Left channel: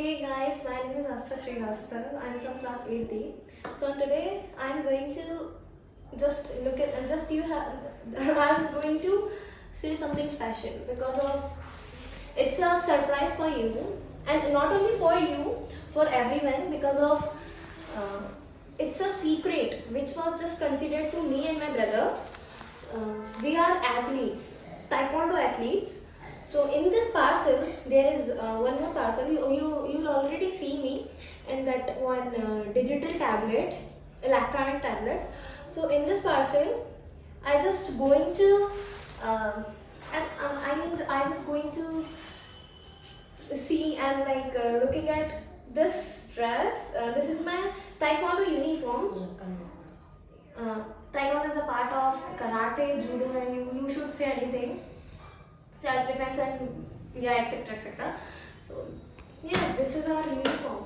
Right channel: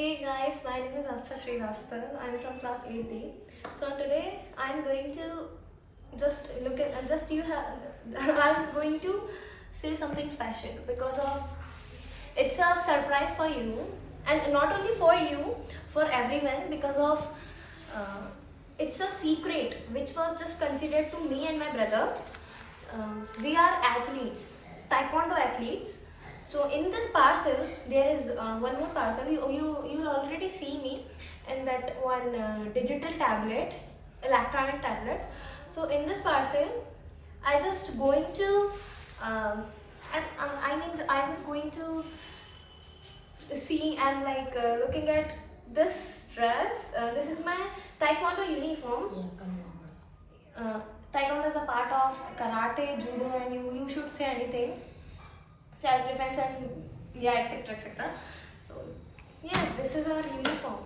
Hey guys, my name is Asta Srivastav. I'm from class 8D. So today I'm going to just look at just you have I'm going to say something special because of it's a surprise for you, and not only for you, for everyone, because of uh, it's a secret which was just considered to me and my brother. We are athletes, Taekwondo athletes. So in this parcel, there is one more parcel. You'll already see me in that one digital tablet, electronic tablet. So in this parcel, I just going to, I just going to see and looking at this dress. This is my Taekwondo uniform. Taekwondo is a part of karate, judo, and you should say anything. Self-defense and yeah, etc, etc. So yes, this is our uniform.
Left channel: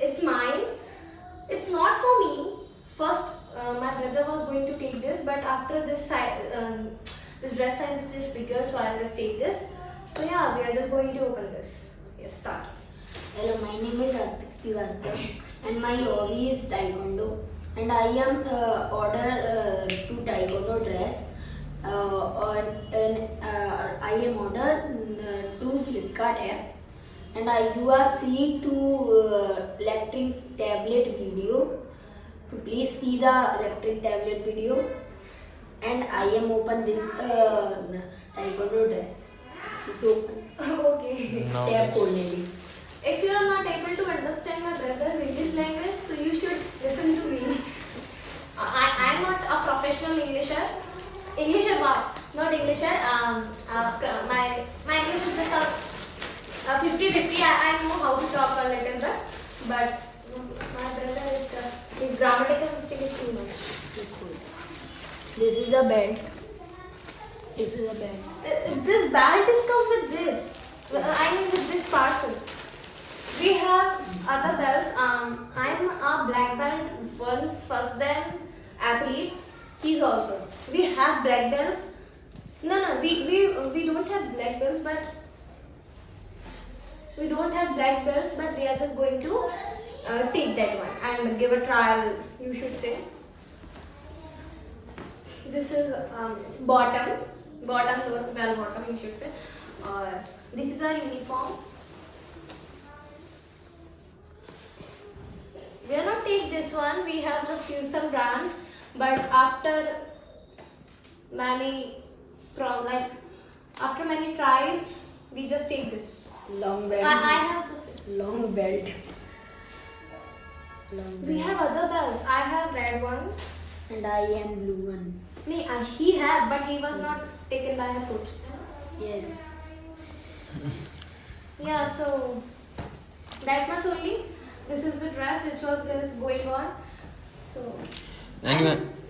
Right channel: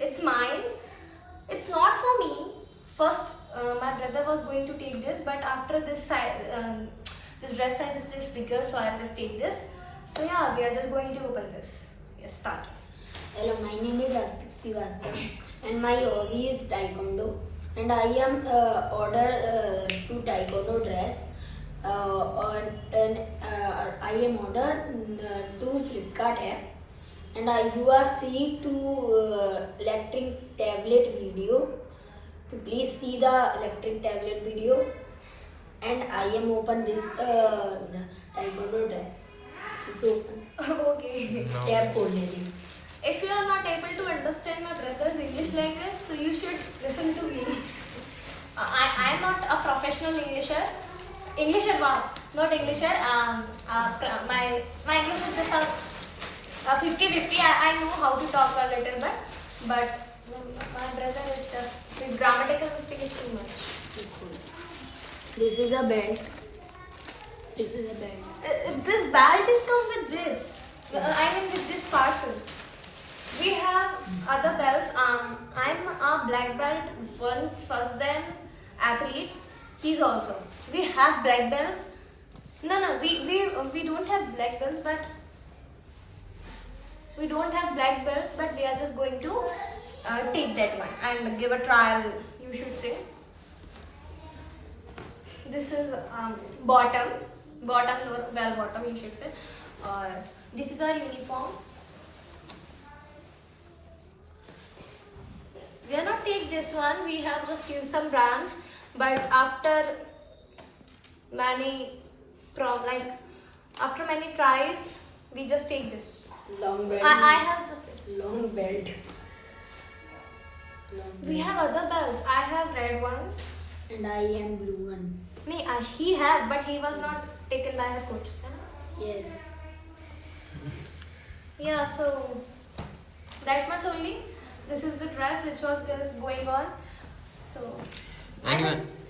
It's mine. It's not for me. First, my brother was going to take this, but after this this dress size is just bigger, so I'll just take this. So yeah, we are just going to open this. Yes, start. Hello, my name is Astik Srivastav and my hobby is Taekwondo, and I am order to Taekwondo dress I am ordered to Flipkart app, and you are seeing to electric tablet video. To please see the electric tablet video, and I am open this Taekwondo dress. It's open. Okay. No. Tab खोलने. If you are not able to understand my brother's English language, so you should listen to me. I am not a professional Englisher, wow, not Englisher. My English is just a 50-50. I know how to talk a little bit, but my brother is just his grammatical mistake is too much. This is a belt. This is a belt. This belt is come with this. I mean with this parcel. We have other belts. I'm a black belt, first then athletes. He's also. We have black belts. No, we don't have black belts, but we are just going to take that one and give a trial. You should say. This is bottom, lower, bell bottom. You should say. This is our uniform. We are not take this one. We have just used some brands. But after many tries, we just take this. Long belt. I have just this. Long belt. We have other belts. I have red one. And I am blue one. No, he have, but he was not taken by the coach. Yes. Yeah, so that much only. This is the dress which was going on. So.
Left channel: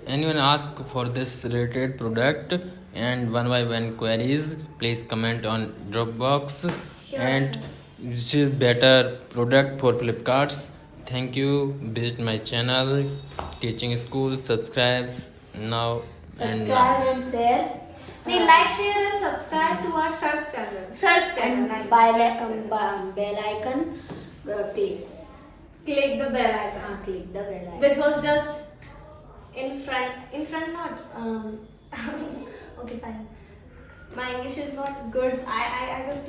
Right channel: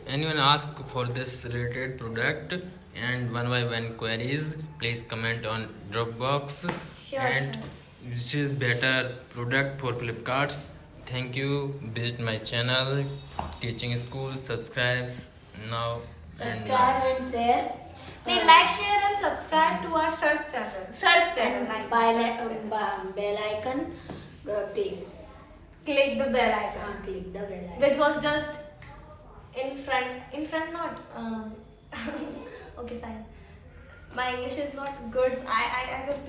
Anyone ask for this related product and one by one queries, please comment on Dropbox. Sure. And this is better product for Flipkarts. Thank you. Visit my channel Teaching School. Subscribes now. Subscribe and share. Like, share and subscribe to our search channel. And bell icon click. Click the bell icon. Click the bell icon. Which was just in front not. Okay, fine. My English is not good. I just